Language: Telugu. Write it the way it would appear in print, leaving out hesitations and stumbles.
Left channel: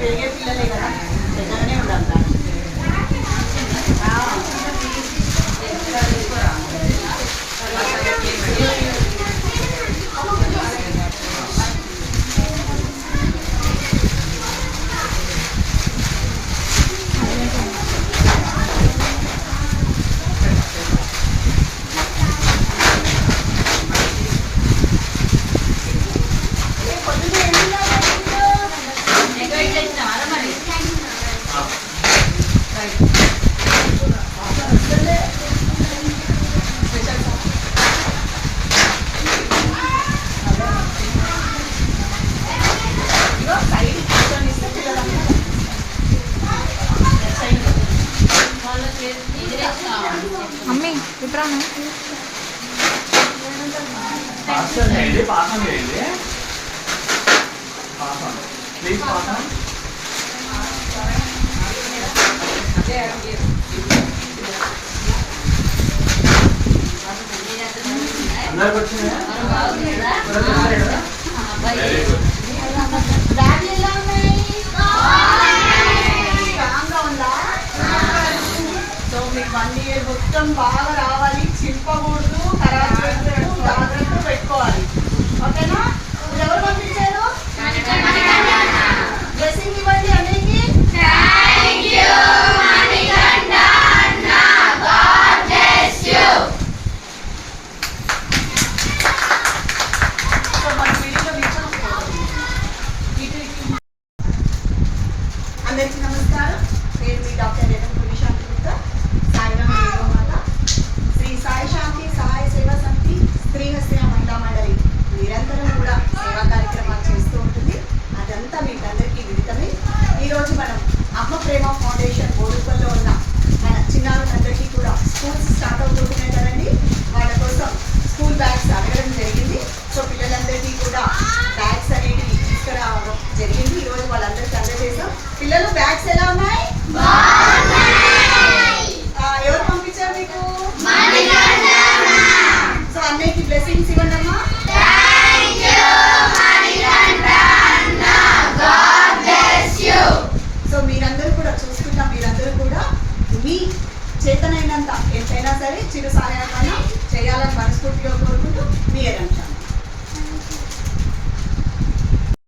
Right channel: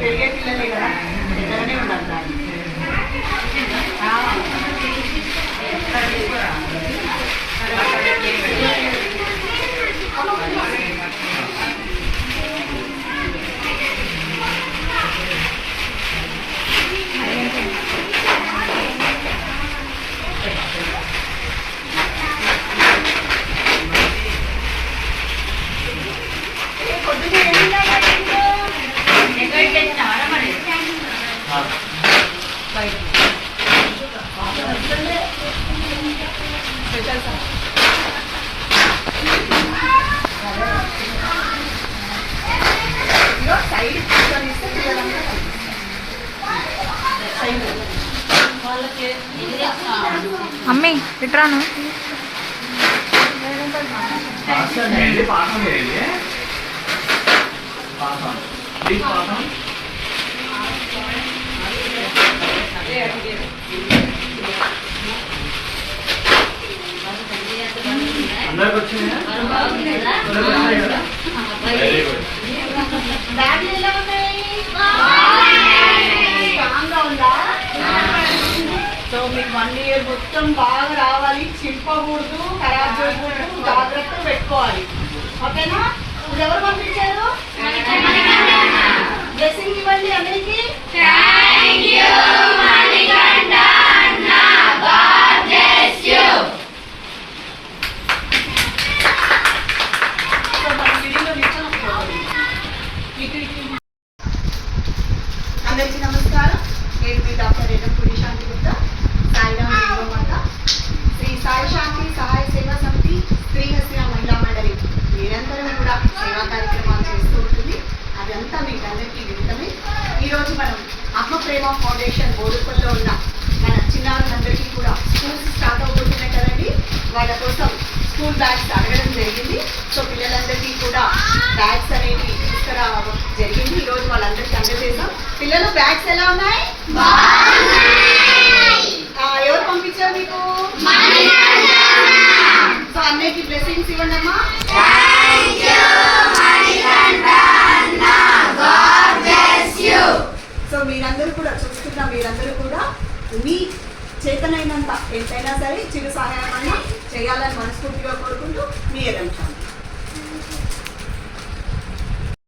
పెరిగే పిల్లలే కదా, దగ్గరనే ఉండాలి. అమ్మి ఇట్రాను అందరికి వచ్చిందా? సో మీకు 1 year మొత్తం బాగా రావాలి, చింపకూడదు, ఖరాబ్ చేయకూడదు, జాగ్రత్త పెట్టుకోవాలి. ఓకేనా? ఇది ఎవరు పంపించారు? బ్లెస్సింగ్ ఇవ్వండి అందరికి. అందరికీ నమస్కారం. నేను మీ డాక్టర్ ఎర్రంపూడి శాంతి గుప్తా, సాయిరామ్ మాత, శ్రీ సాయి శాంతి సహాయ సేవా సమితి శ్రీహస్య మహిళా మండలి నిరంతరం కూడా సేవా కార్యక్రమాలు చేస్తూ ఉంటుంది. అదంతా మీకు అందరికీ విదితమే. ఈరోజు మనం అమ్మ ప్రేమ ఫౌండేషన్ బోడుపల్లో ఉన్న మన చిన్నారులందరికీ కూడా స్కూల్స్ స్టార్ట్ అవుతున్నాయి కదండి, వాళ్ళ కోసం స్కూల్ బ్యాగ్స్ అడగడం జరిగింది. సో పిల్లలందరికీ కూడా బ్యాగ్స్ అనేవి తీసుకురావడం జరిగింది. ఈరోజు వాళ్ళందరికీ అందజేసాం. పిల్లలు బ్యాగ్స్ ఎలా ఉన్నాయి? ఎవరు పంపించారు మీకు? సో అన్నయ్యకి బ్లెస్సింగ్స్ ఇవ్వండి అమ్మా. సో మీరందరూ కూడా చూస్తున్నా, మీరందరూ కూడా మీ చేతనైనంత ఎంతైనా సరే చిరు సహాయం చేయాలని మనస్ఫూర్తిగా కోరుకుంటూ మీ ఎర్రంశాంతి.